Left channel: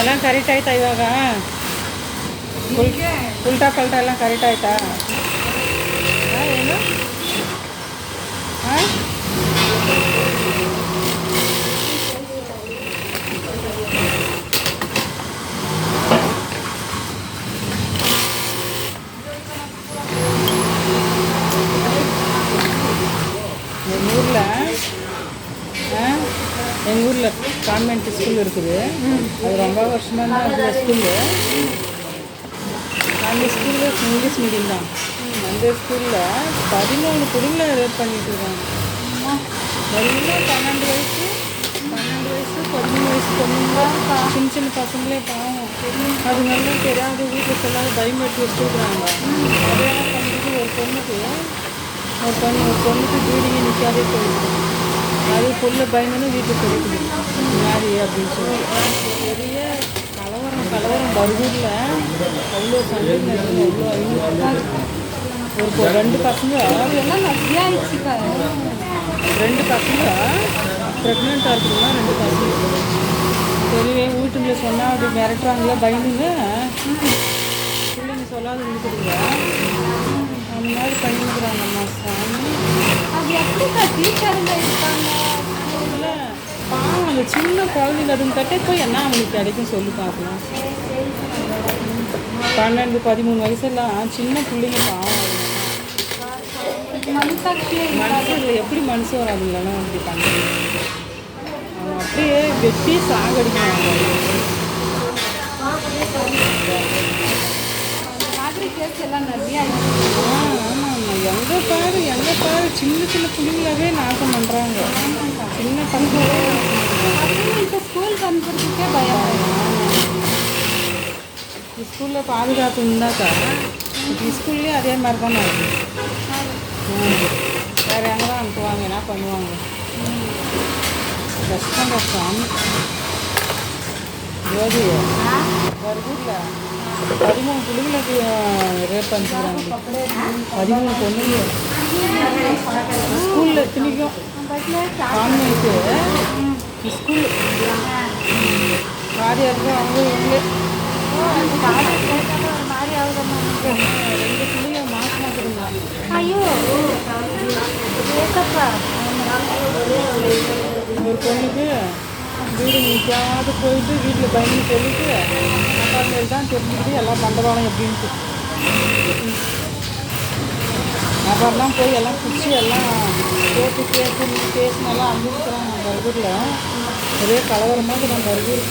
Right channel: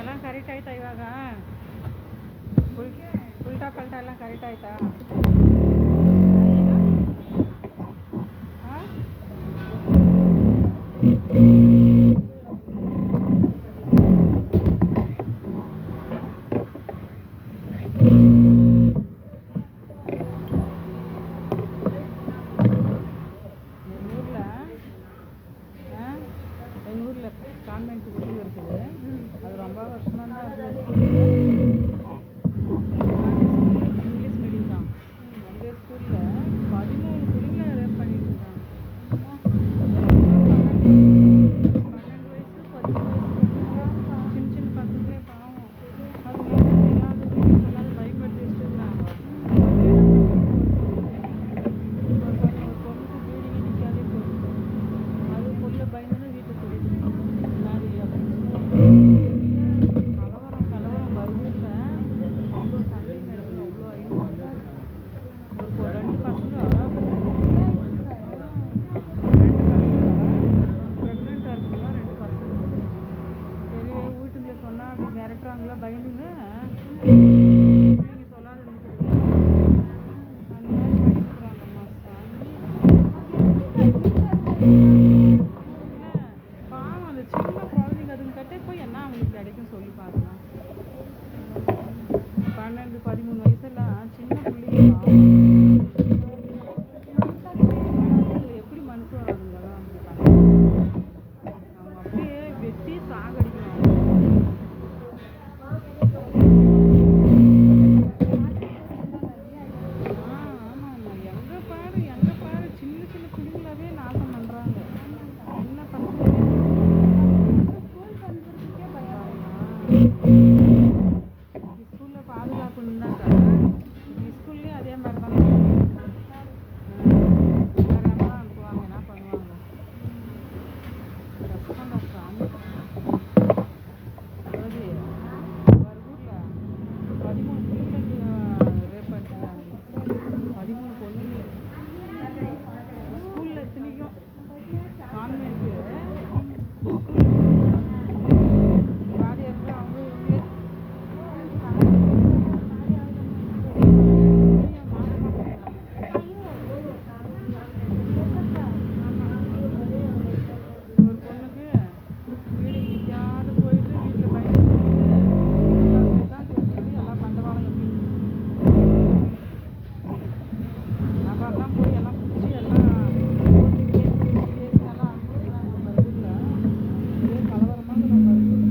ಎಲ್ಲ ಕರೆಕ್ಟ್ ಆಯ್ತಾ ಇವಾಗ? ಉಲ್ಟಾ ಪಲ್ಟಾ ಎಲ್ಲ ಕರೆಕ್ಟ್ ಆಯ್ತಾ? ಏನು ಹಾಂ? எங்கள் ஊரில் கான்வென்ட் ஸ்கூல் இருக்குது. அது ரொம்ப வருஷமாக தான் இருக்குது ஸ்கூலு. அந்த ஸ்கூலில் இங்கிலீஷ் மீடியம் தான். அந்த ஸ்கூலில் 13 பிள்ளைங்களை ரேப் பண்ணிட்டு இருக்காங்க. எல்லாம் 12 வயசு 13 வயசு பொண்ணுங்க, சின்ன சின்ன பசங்களே பாவம். அதுங்க வந்து ஏதாவது வீட்டுக்கு எல்லாரும் பயன்படுத்தி வச்சுருக்குறாங்க. ஒரு பொண்ணுக்கு வீடிங்க நிற்காதே போயிடுச்சு. அது பொருள பயந்துன்னு வீட்டுக்கு கிடைக்குது யாரு அப்படின்னு சொல்லிட்டு பெரிய கலவரம் பர்கூரில் அவ்வளோ சண்டை நடக்குது. அவ்வளோ ஒரு 2 பசங்க ப்ரெக்னெண்ட்டாக இருக்குதுன்னா 2 பசங்க தெரியவே வீட்டுல சொன்னால் அப்படி மிரட்டுறாங்களா பயந்துங்க இல்லைங்க சொல்லாத இருக்குதுங்க. அந்த மாதிரி பண்ணிக்கிறாங்கம்மா சாமி. பாவம் அந்த சின்ன குழந்தைங்க அதுங்க கட்டே போய் என்ன அவங்களுக்கு கிடைக்கும் சொல்லி பார்க்கலாம். 12 13 வயசெல்லாம் சின்ன பிள்ளைங்க பாவம். மனுஷன் எப்படி மனுஷன் வராதுங்களெல்லாம் அப்படி பண்ணுறாங்க. அவங்க அப்படியே வெட்டி சாகடிக்கிறாங்க. எங்கே பாரு சின்ன சின்ன பிள்ளைங்களாவே நாசம் பண்ணுறாங்க. சின்ன பசங்களே ஸ்கூல் பண்ணுறதுக்கே பயம். ஸ்கூலில் பாதுகாப்பு இருந்தாக்கா ஸ்கூல்லேயே அதே மாதிரி தான் வேறு எங்கே தான் அனுப்புவாங்க, என்ன பண்ணுவாங்க. கஷ்டம் ஜோதி வருதுல்ல 13 பிள்ளைங்களுக்கு ரேப் பண்ணிக்கிறாங்க. 13 பொண்ணுங்க ஸ்கூலில் எத்தனைக்கும் கான்வென்ட்டு ஸ்கூலு மாதிரி இருக்கு. அவங்க இவங்களே பிள்ளைங்க மாற்றுறாங்க. ஒரு பொண்ணுக்கு வீடு நிற்காது போயிட்டு வீட்டில் பயந்து சொல்லிட்டு அப்பா சைடு தான் தெரிஞ்சுக்கிட்டு எல்லாம் பண்ணுறாங்க எப்படின்ட்டு. அப்புறம்லாம் போய் எல்லாம் பிடிச்சி எல்லாம் கேட்டு பேசினெல்லாம் அனுப்பிச்சுக்கிறாங்க. நம்ம ஊரில் ஒரே கலவரமாக நம்ம ஊர்